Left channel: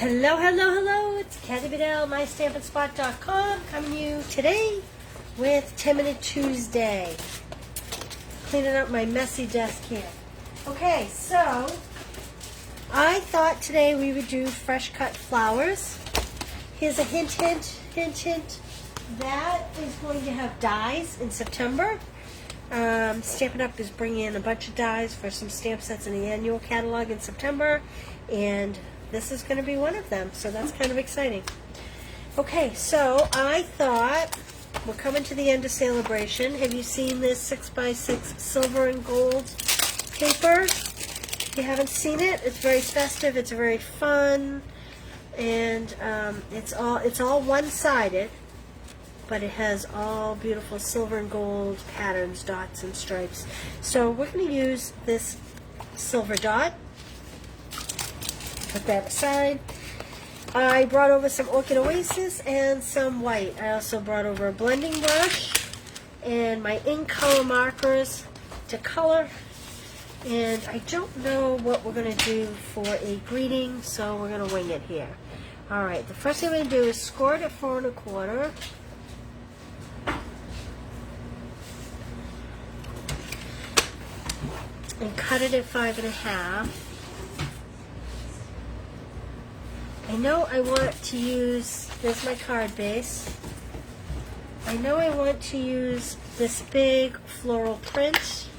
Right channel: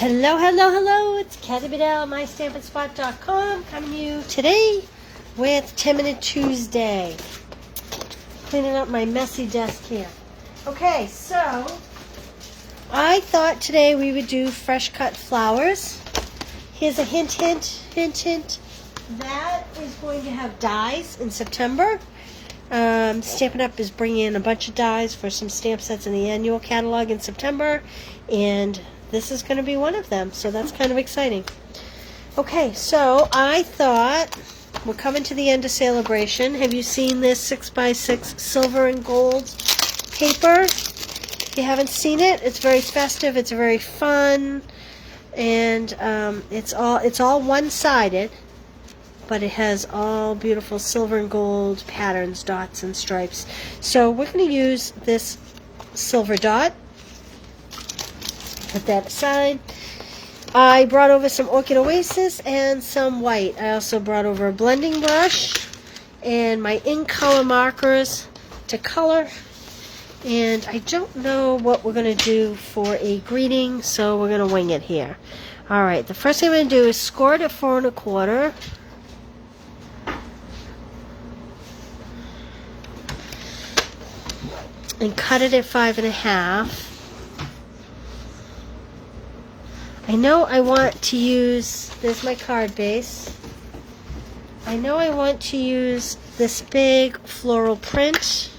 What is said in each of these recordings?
Hello, hello, hello. It's Kathy Bedell, MyStampandSpot.com, coming to you today with 10-Minute Tuesday. Cleaning up my messy desk here. Okay, so I thought today we would do fresh cut flowers. Here's a hint. That is going to have dies in September. Stampin' Up! Is bringing in a bunch of dies for some stamp sets in the annual catalog in September, and this is going to be one of them, so that's kind of exciting. Okay, so I thought we're coming to the end of Celebration. Have you seen this 6x6 silver and gold paper? If you haven't seen it, it's very festive, it's very fun, and it's all one-sided, but it has all beautiful silver and gold patterns, dots and stripes. So we're going to use this silver dot. Put that aside. I brought over some Orchid Oasis and some white. I also brought over a blending brush and my ink color markers to color. And I don't know what we're going to do for a greeting, so we're going to wing it here. Alright, the first thing I'm going to do is score it at 4 1/4. And cut it at 5 1/2. I know I want to use, there's my card base. I know I want to use this big floral print.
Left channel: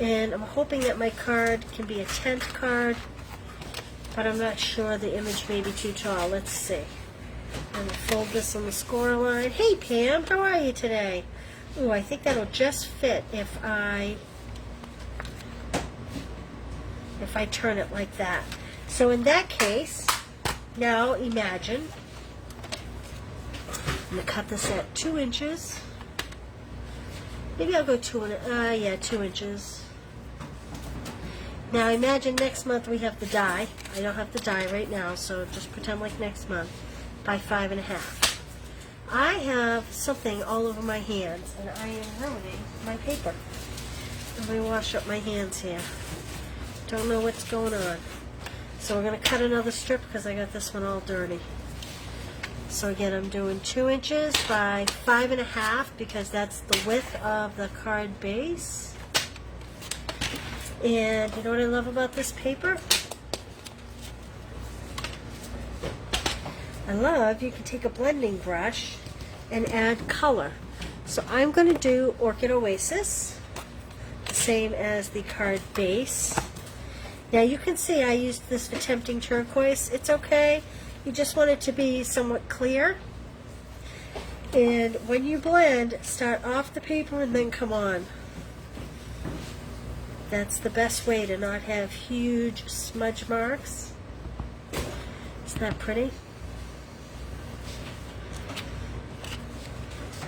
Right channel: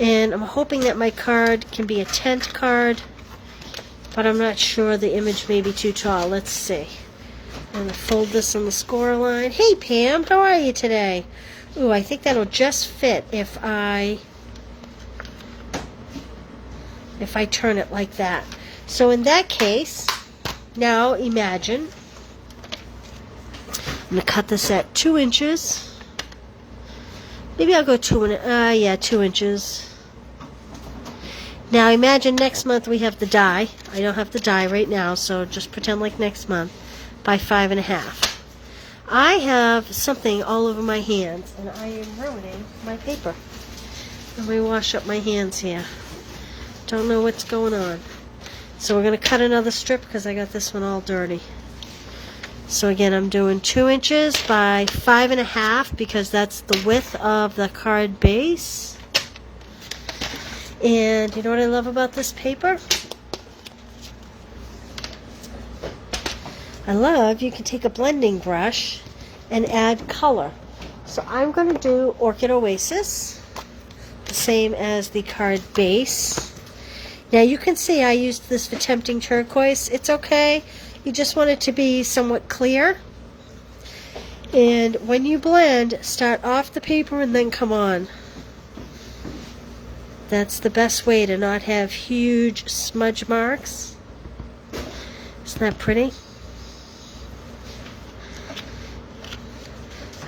And I'm hoping that my card can be a tent card, but I'm not sure, the image may be too tall. Let's see. I'm going to fold this on the score line. Hey Pam, how are you today? Ooh, I think that'll just fit if I turn it like that. So in that case, now imagine, I'm going to cut this at 2 inches. Maybe I'll go 2 inches. Now imagine next month we have the die. I don't have the die right now, so just pretend like next month, by 5 1/2. I have something all over my hands, and I am ruining my paper. Let me wash up my hands here. Don't know what's going on. So we're going to cut another strip because I got this one all dirty. So again, I'm doing 2 inches by 5 1/2 because that's the width of the card base. And you know what I love about this paper? I love you can take a blending brush and add color. So I'm going to do Orchid Oasis, the same as the card base. Now you can see I used this for Tempting Turquoise. It's okay. You just want it to be somewhat clear. And when you blend, start off the paper and then come on. That's the best way to not have huge smudge marks. Isn't that pretty?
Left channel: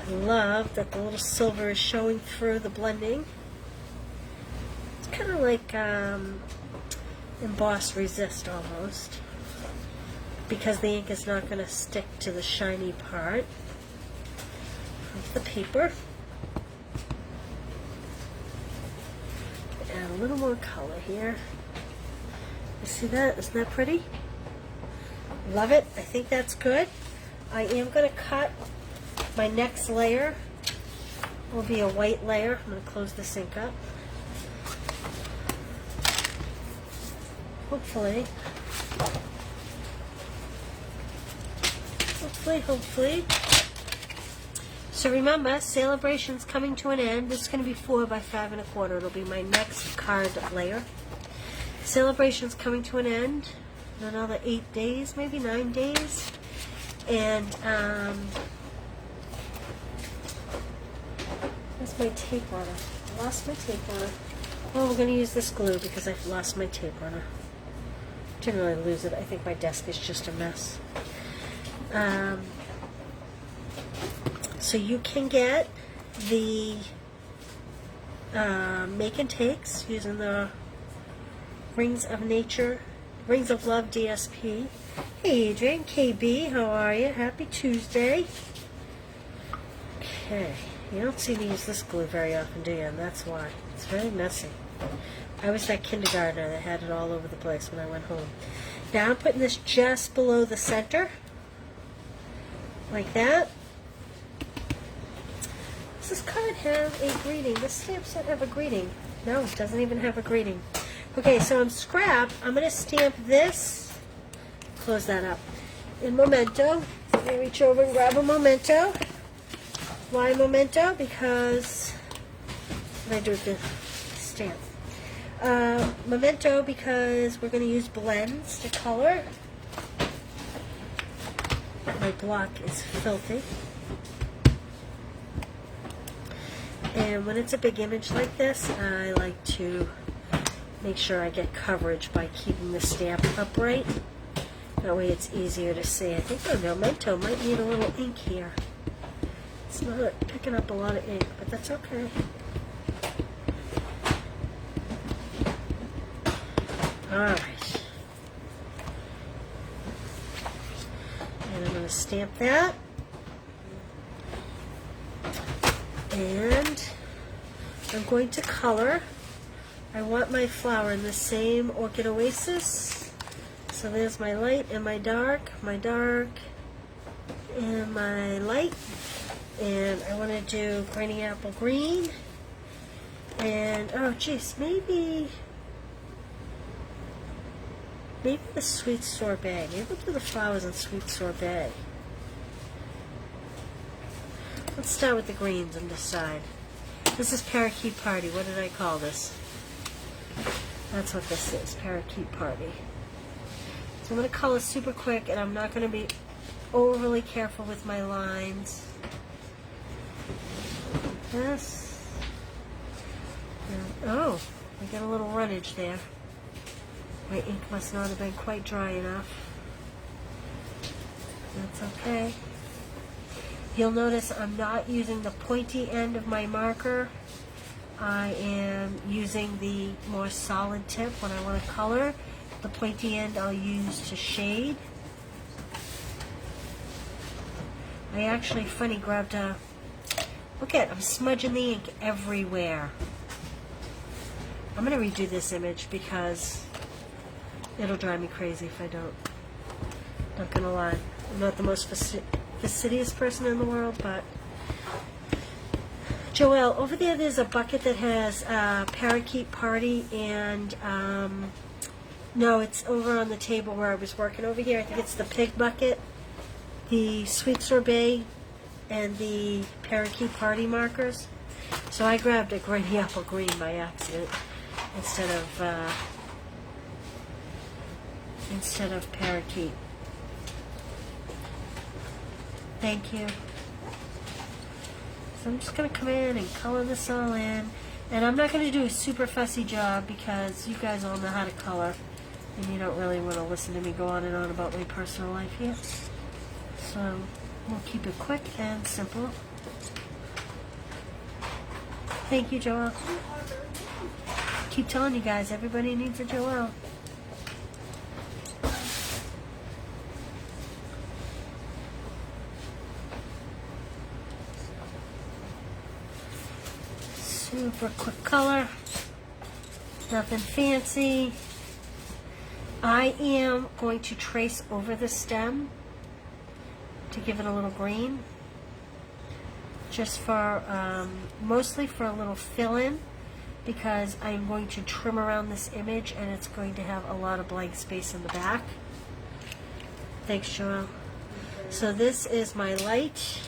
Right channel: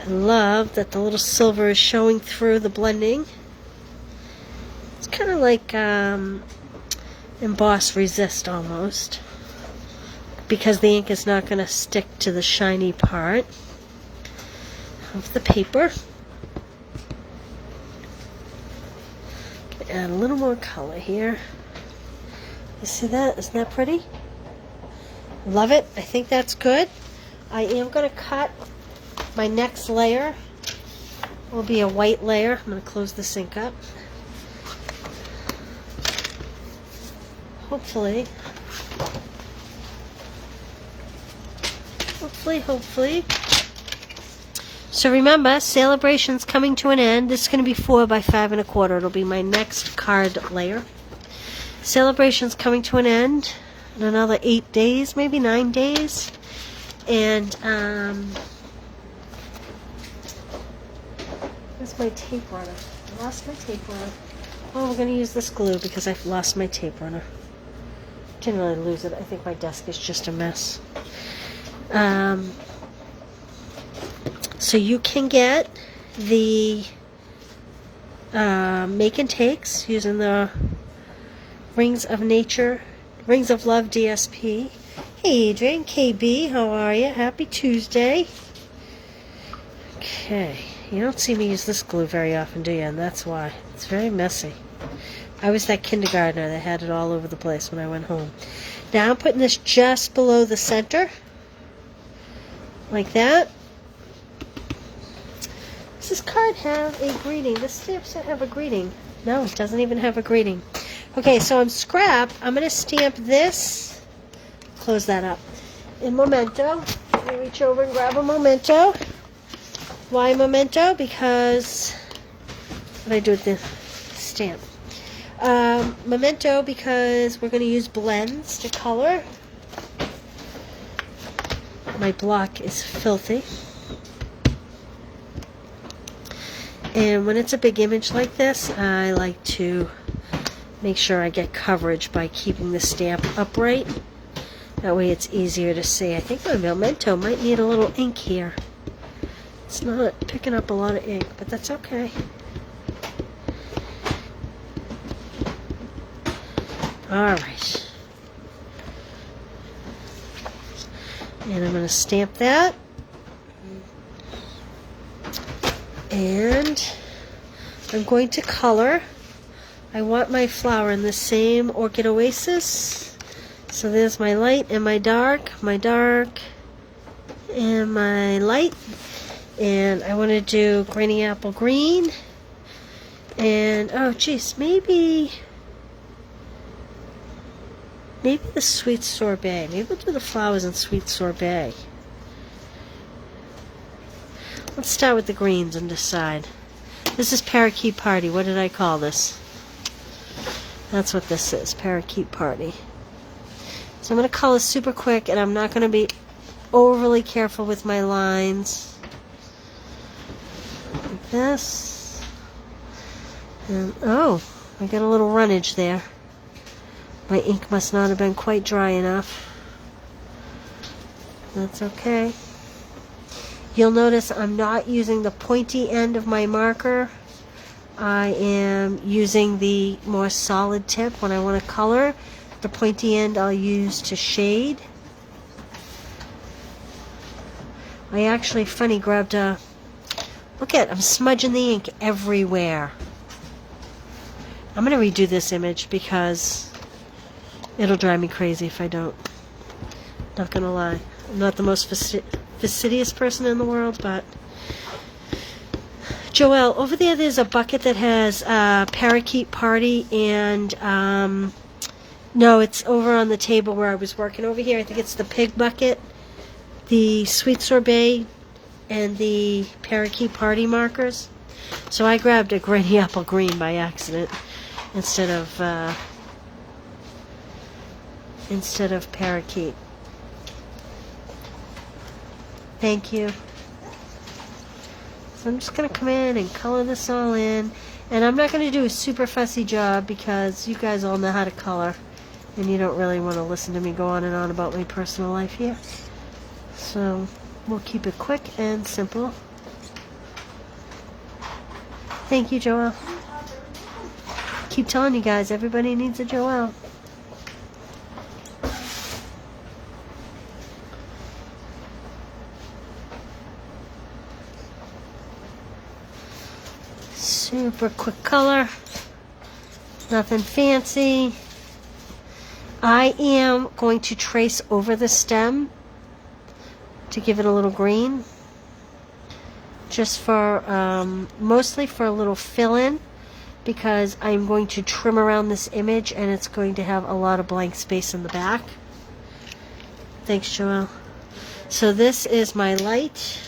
I love that the little silver is showing through the blending. It's kind of like Emboss Resist almost, because the ink is not going to stick to the shiny part of the paper. Add a little more color here. You see that? Isn't that pretty? Love it. I think that's good. I am going to cut my next layer. Will be a white layer. I'm going to close this ink up. Hopefully. So remember, Celebration's coming to an end. This is going to be 4 by 5 1/4. It'll be my next card layer. Celebration's coming to an end in another 8 days, maybe 9 days. And where's my tape runner? I lost my tape runner. Oh, we're going to use this glue because I've lost my tape runner. Didn't really lose it. I think my desk is just a mess. So you can get the make and takes using the Rings of Love DSP. Hey Adrian, KB, how are you? Happy Tuesday. Okay, you don't see me use this glue very often, do you? And that's why. It's very messy. I was that kindergartner that had it all over the place when I went home. Now I'm putting this just below the center, like that. Does this card have a greeting? This stamp set have a greeting? No, it doesn't even have a greeting. Okay, so on scrap, I'm going to stamp this, close that up, in Memento. I'm going to reach over and grab a Memento. Why Memento? Because, what did I do with the stamp? Memento because we're going to use blends to color. My block is filthy. And when it's a big image like this, I like to make sure I get coverage by keeping the stamp upright. That way it's easier to see. I think my Memento might need a little ink here. It's not picking up a lot of ink, but that's okay. Alright. And I'm going to stamp that. And I'm going to color. I want my flower in the same Orchid Oasis. So there's my light and my dark and my light. And I want to do Granny Apple Green. And, oh geez, maybe the Sweet Sorbet. Maybe we'll do the flowers in Sweet Sorbet. Let's start with the greens and decide. This is Parakeet Party. What did I call this? That's what this is, Parakeet Party. So I'm going to color super quick, and I'm not going to be overly careful with my lines. Like this. And, oh, I got a little runnage there. My ink must not have been quite dry enough. That's okay. You'll notice I'm not using the pointy end of my marker. I am using the more solid tip when I want to color. The pointy end I'll use to shade. I actually, funny, grabbed a... Look at, I'm smudging the ink everywhere. I'm going to redo this image because it'll drive me crazy if I don't. Not going to lie. I'm not the most fastidious person in the world, but... Joelle, over there's a bucket that has Parakeet Party and... no, it's over on the table where I was working over here. I think it's the pig bucket, the Sweet Sorbet, and the Parakeet Party markers. So I grabbed a Granny Apple Green by accident instead of Parakeet. Thank you. So I'm just going to come in and color this all in. And I'm not going to do a super fussy job because you guys all know how to color. And you don't really want to listen to me go on and on about my personal life here. So we'll keep it quick and simple. Thank you, Joelle. Keep telling you guys, everybody needs a Joelle. Super quick color. Nothing fancy. I am going to trace over the stem to give it a little green. Just for, mostly for a little fill-in, because I'm going to trim around this image and it's going to have a lot of blank space in the back. Thanks, Joelle. So this is my light.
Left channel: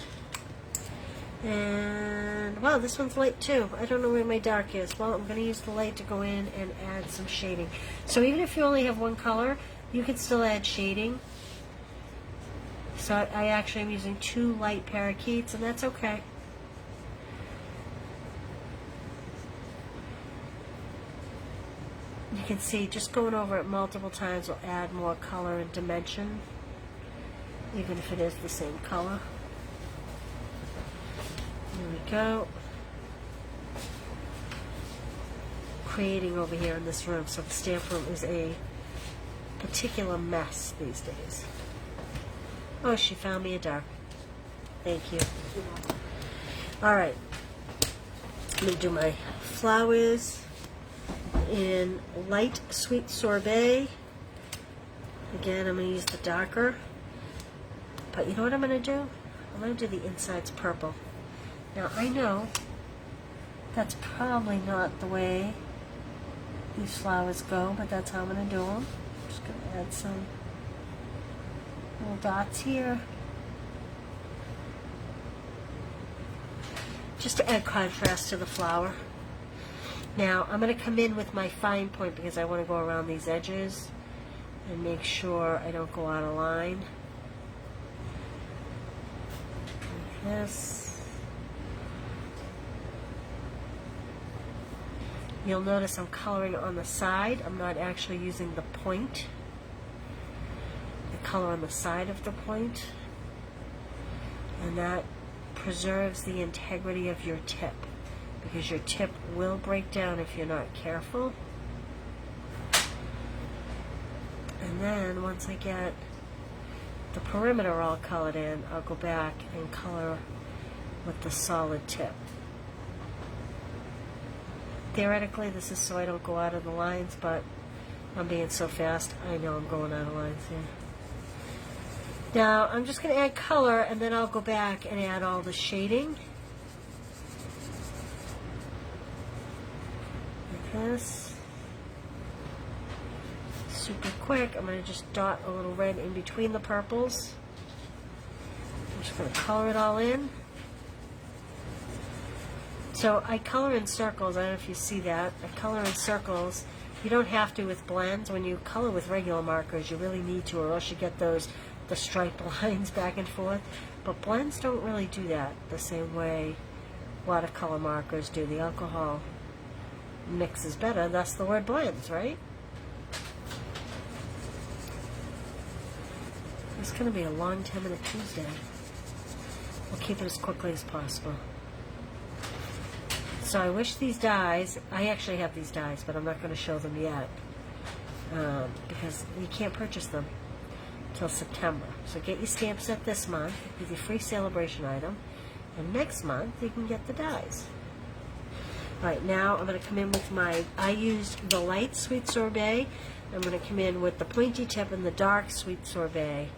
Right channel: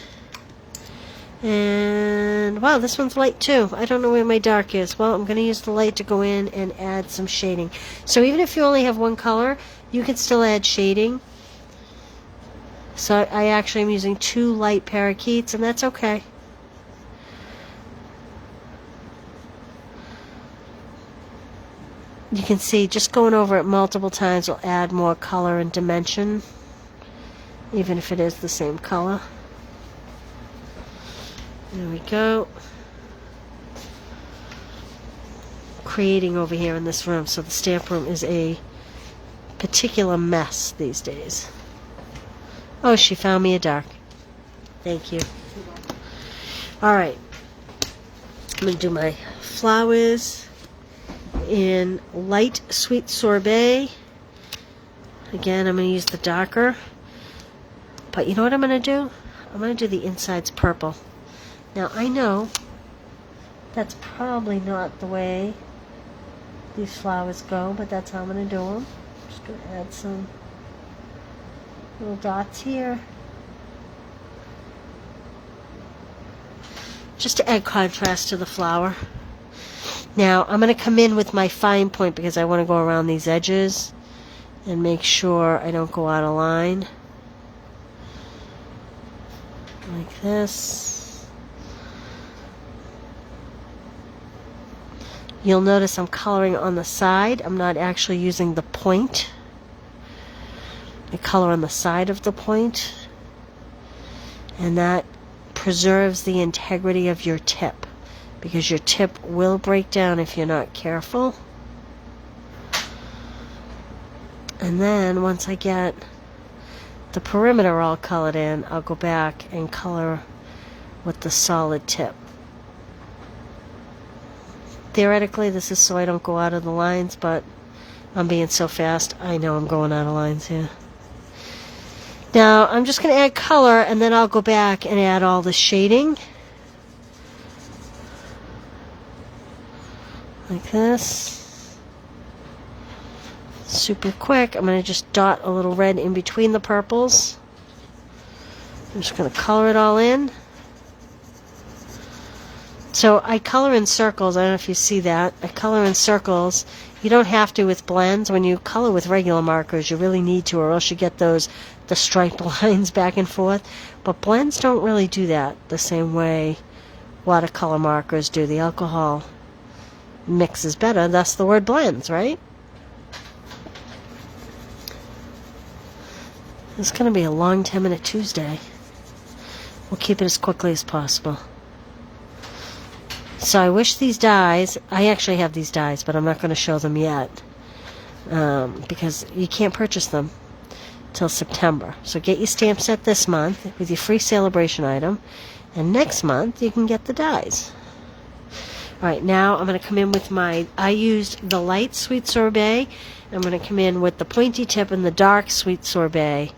And, wow, this one's light too. I don't know where my dark is. Well, I'm going to use the light to go in and add some shading. So even if you only have one color, you can still add shading. So I actually am using 2 light parakeets, and that's okay. You can see just going over it multiple times will add more color and dimension, even if it is the same color. There we go. Creating over here in this room. So the stamp room is a particular mess these days. Oh, she found me a dark. Thank you. Alright. I'm going to do my flowers in light Sweet Sorbet. Again, I'm going to use the darker. But you know what I'm going to do? I'm going to do the insides purple. Now, I know that's probably not the way these flowers go, but that's how I'm going to do them. Just going to add some little dots here. Just to add contrast to the flower. Now, I'm going to come in with my fine point because I want to go around these edges and make sure I don't go out of line. Like this. You'll notice I'm coloring on the side. I'm not actually using the point. I color on the side of the point. And that preserves the integrity of your tip, because your tip will break down if you're not careful. And then once I get the perimeter all colored in, I'll go back and color with the solid tip. Theoretically, this is so I don't go out of the lines, but I'm being so fast, I know I'm going out of lines here. Now, I'm just going to add color, and then I'll go back and add all the shading. Like this. Super quick. I'm going to just dot a little red in between the purples. I'm just going to color it all in. So I color in circles. I don't know if you see that. I color in circles. You don't have to with blends. When you color with regular markers, you really need to, or else you get the stripe lines back and forth. But blends don't really do that the same way watercolor markers do. The alcohol mixes better, thus the word blends, right? It's going to be a long 10-minute Tuesday. We'll keep it as quickly as possible. So I wish these dies, I actually have these dies, but I'm not going to show them yet because you can't purchase them till September. So get your stamp set this month with your free celebration item, and next month you can get the dies. Alright, now I'm going to come in with I used the light Sweet Sorbet. I'm going to come in with the pointy tip and the dark Sweet Sorbet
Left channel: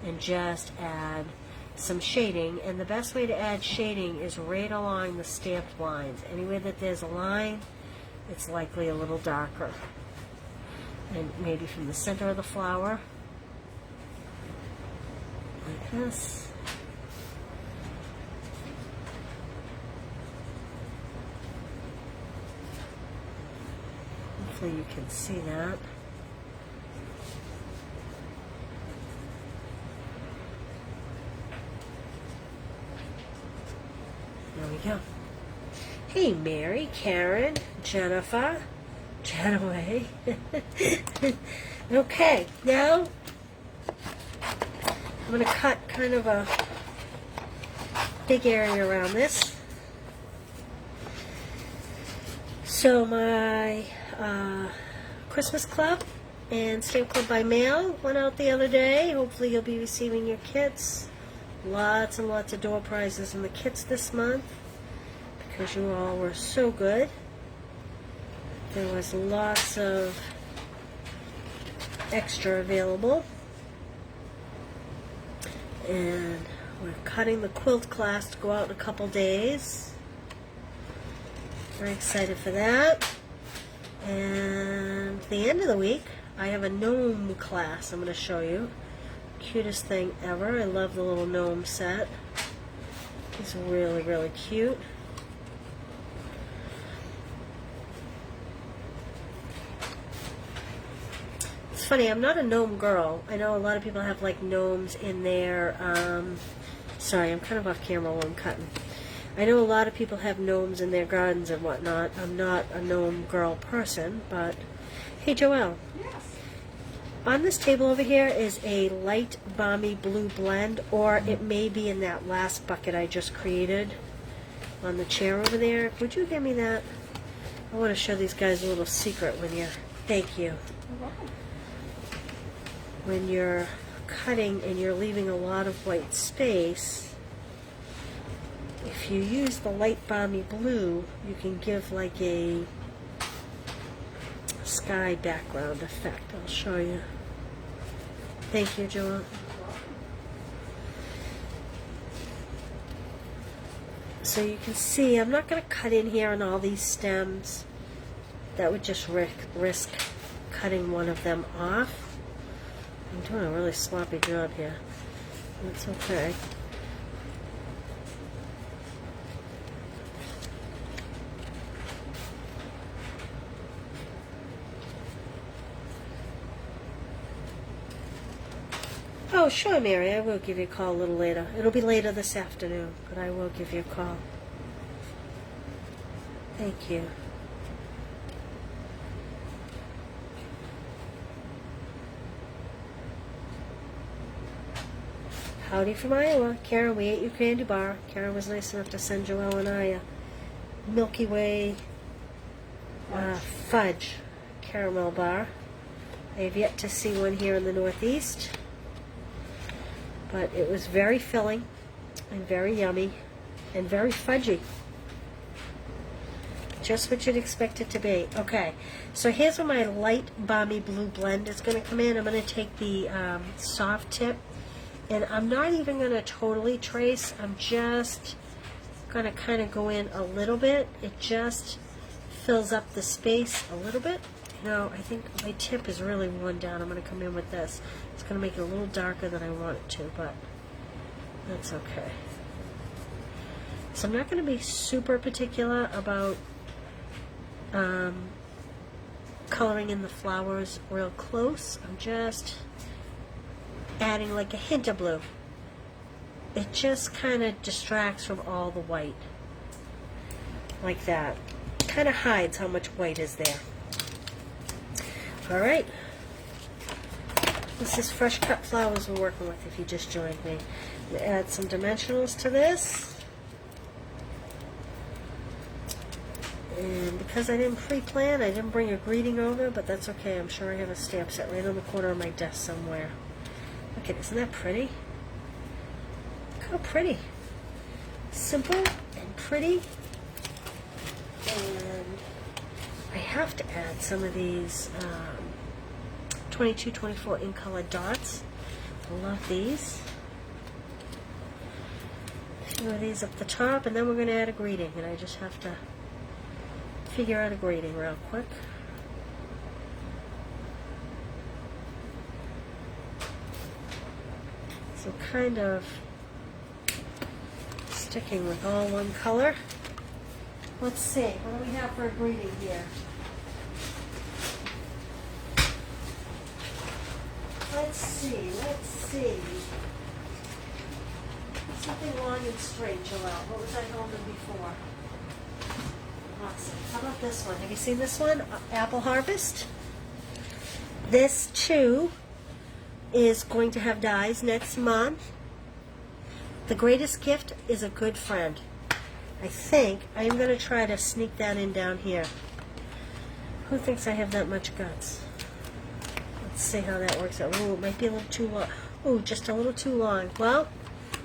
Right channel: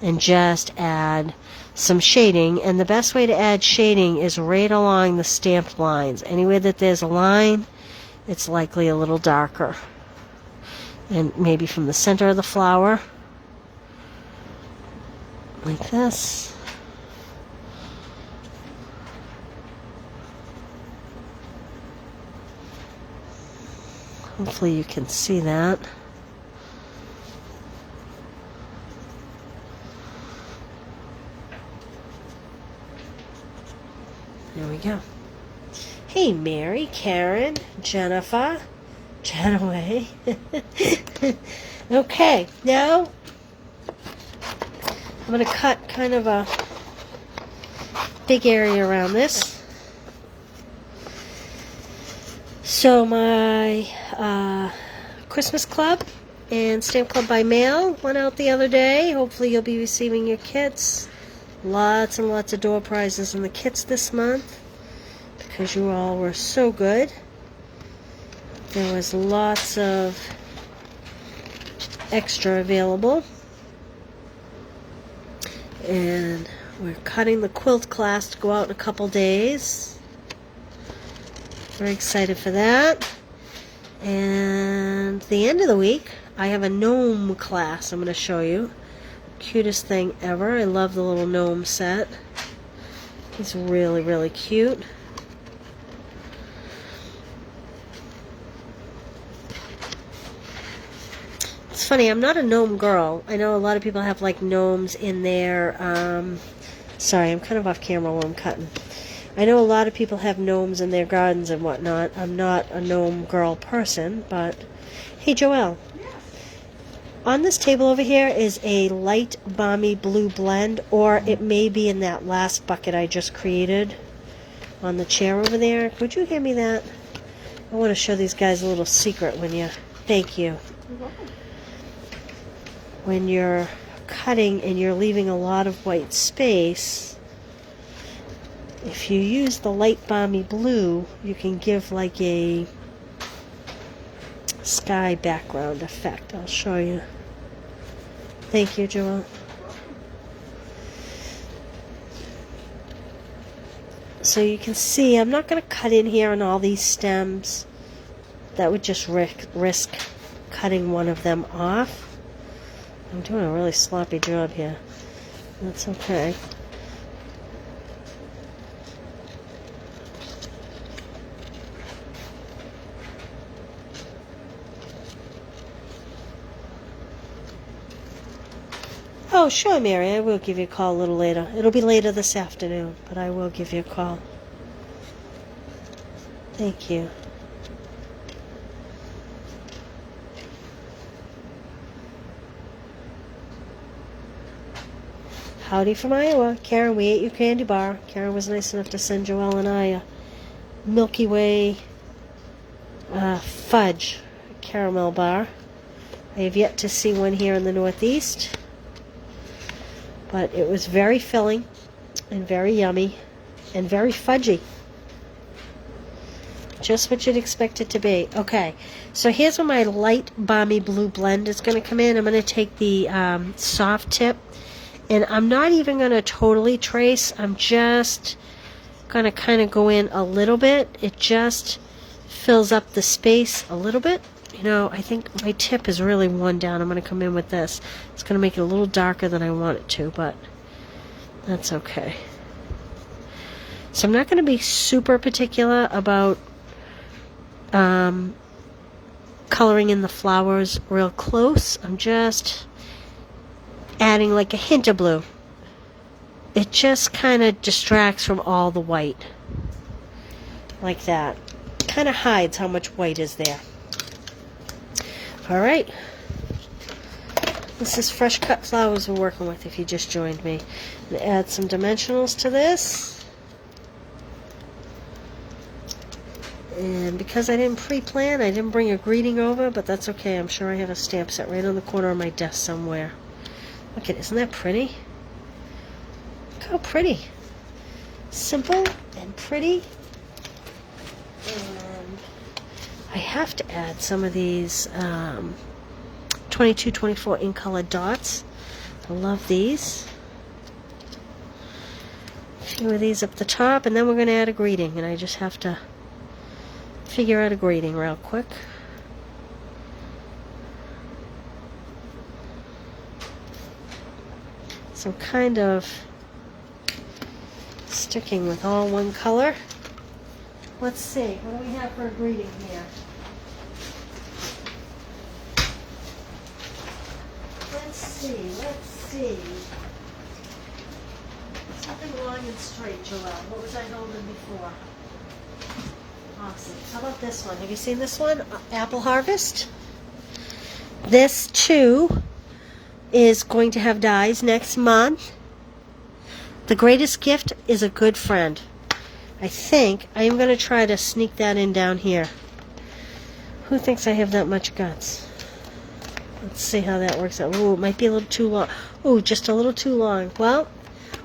and just add some shading. And the best way to add shading is right along the stamped lines. Anywhere that there's a line, it's likely a little darker. And maybe from the center of the flower, like this. Hopefully you can see that. There we go. Hey, Mary, Karen, Jennifer, Janaway. Okay, now I'm going to cut kind of a big area around this. So my Christmas Club and Stamp Club by Mail went out the other day. Hopefully you'll be receiving your kits. Lots and lots of door prizes in the kits this month because you all were so good. There was lots of extra available. And we're cutting the quilt class to go out in a couple days. Very excited for that. And the end of the week, I have a gnome class I'm going to show you. Cutest thing ever. I love the little gnome set. It's really, really cute. It's funny, I'm not a gnome girl. I know a lot of people have like gnomes in their, sorry, I'm kind of off camera while I'm cutting. I know a lot of people have gnomes in their gardens and whatnot. I'm not a gnome girl person, but hey, Joelle. Yes. On this table over here is a light balmy blue blend, or it may be in that last bucket I just created on the chair over there. Could you hand me that? I want to show these guys a little secret when you, thank you. When you're cutting and you're leaving a lot of white space, if you use the light balmy blue, you can give like a sky background effect. I'll show you. Thank you, Joelle. So you can see I'm not going to cut in here on all these stems. That would just risk cutting one of them off. I'm doing a really sloppy job here. That's okay. Oh, sure, Mary. I will give you a call a little later. It'll be later this afternoon, but I will give you a call. Thank you. Howdy from Iowa. Karen, we ate your candy bar. Karen was nice enough to send Joelle and I a Milky Way fudge caramel bar. I have yet to see one here in the Northeast. But it was very filling and very yummy and very fudgy. Just what you'd expect it to be. Okay, so here's where my light balmy blue blend is going to come in. I'm going to take the soft tip, and I'm not even going to totally trace. I'm just going to kind of go in a little bit. It just fills up the space a little bit. You know, I think my tip is really worn down. I'm going to come in with this. It's going to make it a little darker than I want it to, but that's okay. So I'm not going to be super particular about coloring in the flowers real close. I'm just adding like a hint of blue. It just kind of distracts from all the white. Like that. Kind of hides how much white is there. Alright, this is fresh cut flowers we're working with if you just joined me. I'm going to add some dimensionals to this. And because I didn't pre-plan, I didn't bring a greeting over, but that's okay. I'm sure I have a stamp set right on the corner of my desk somewhere. Look at it, isn't that pretty? Look how pretty. Simple and pretty. I have to add some of these 22-24 in color dots. I love these. A few of these up the top, and then we're going to add a greeting, and I just have to figure out a greeting real quick. So I'm kind of sticking with all one color. Let's see, what do we have for a greeting here? Let's see. Something long and straight, Joelle. What was I holding before? Awesome. How about this one? Have you seen this one? Apple Harvest. This, too, is going to have dies next month. The greatest gift is a good friend. I think I am going to try to sneak that in down here. Who thinks I have that much guts? Let's see how that works out. Ooh, it might be a little too long. Ooh, just a little too long. Well,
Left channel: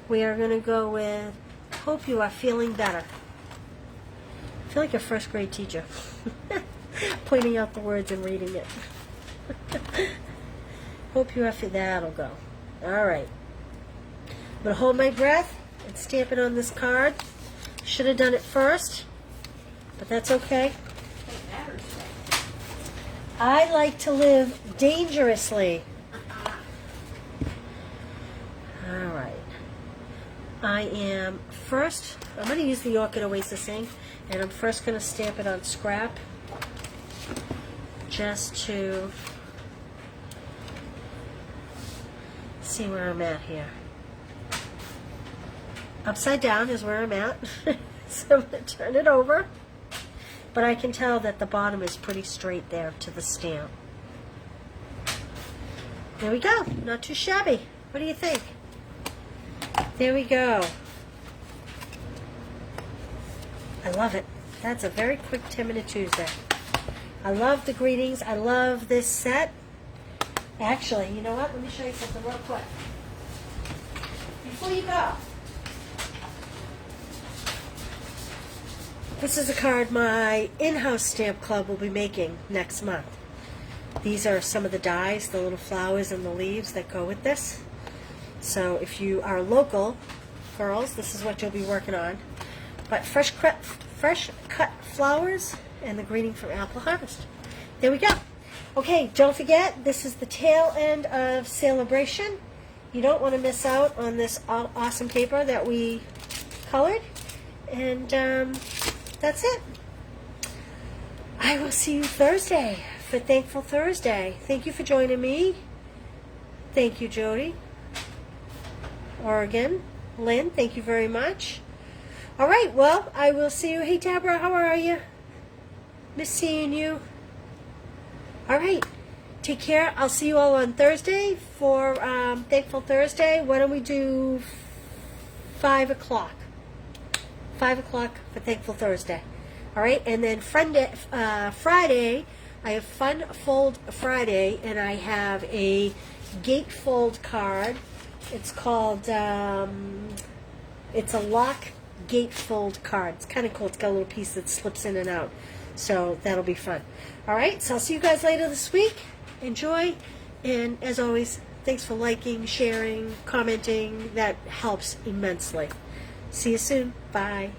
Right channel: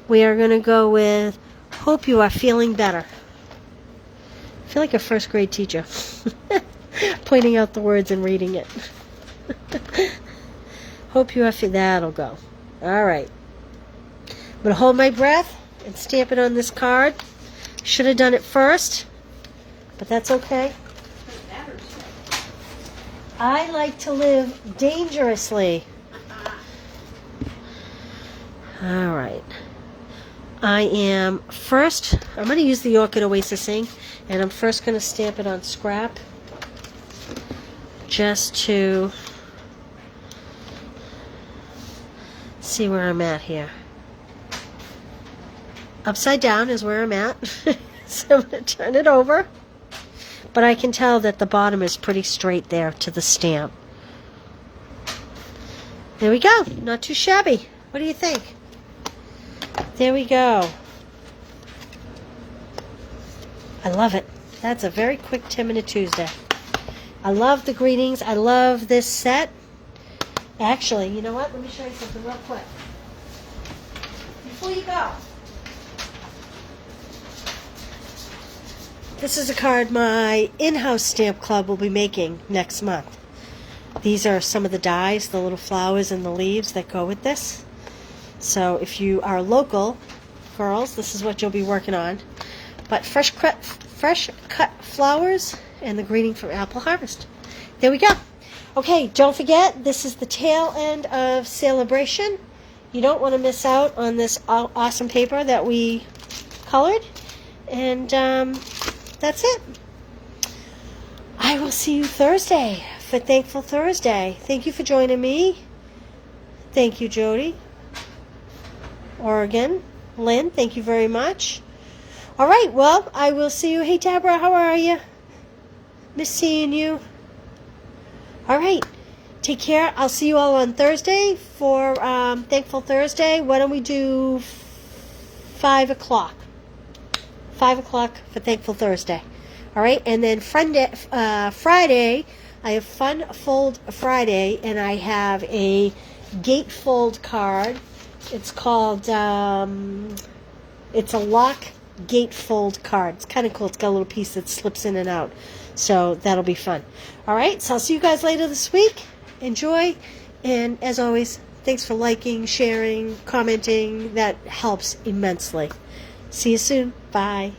we are going to go with hope you are feeling better. I feel like a first grade teacher. Pointing out the words and reading it. Hope you are feeling... That'll go. All right. I'm going to hold my breath and stamp it on this card. Should have done it first, but that's okay. I like to live dangerously. All right. I'm going to use the Orchid Oasis ink, and I'm first going to stamp it on scrap just to see where I'm at here. Upside down is where I'm at. So I'm going to turn it over. But I can tell that the bottom is pretty straight there to the stamp. There we go. Not too shabby. What do you think? There we go. I love it. That's a very quick 10-minute Tuesday. I love the greetings. I love this set. Actually, you know what? Let me show you something real quick. Before you go. This is a card my in-house stamp club will be making next month. These are some of the dies, the little flowers and the leaves that go with this. So if you are local, girls, this is what you'll be working on. But fresh cut flowers and the greeting from Apple Harvest. There we go. Okay, don't forget, this is the tail end of Celebration. You don't want to miss out on this awesome paper that we colored. And that's it. I will see you Thursday for Thankful Thursday. Thank you for joining me. Thank you, Jody. Oregon. Lynn, thank you very much. All right, well, I will see you. Hey, Deborah, how are you? Miss seeing you. All right, take care. I'll see you all on Thursday for Thankful Thursday. Why don't we do 5 o'clock? 5 o'clock for Thankful Thursday. All right, and then Friday, I have Fun Fold Friday, and I have a gatefold card. It's called, it's a lock gatefold card. It's kind of cool. It's got a little piece that slips in and out. So that'll be fun. All right, so I'll see you guys later this week. Enjoy. And as always, thanks for liking, sharing, commenting. That helps immensely. See you soon. Bye.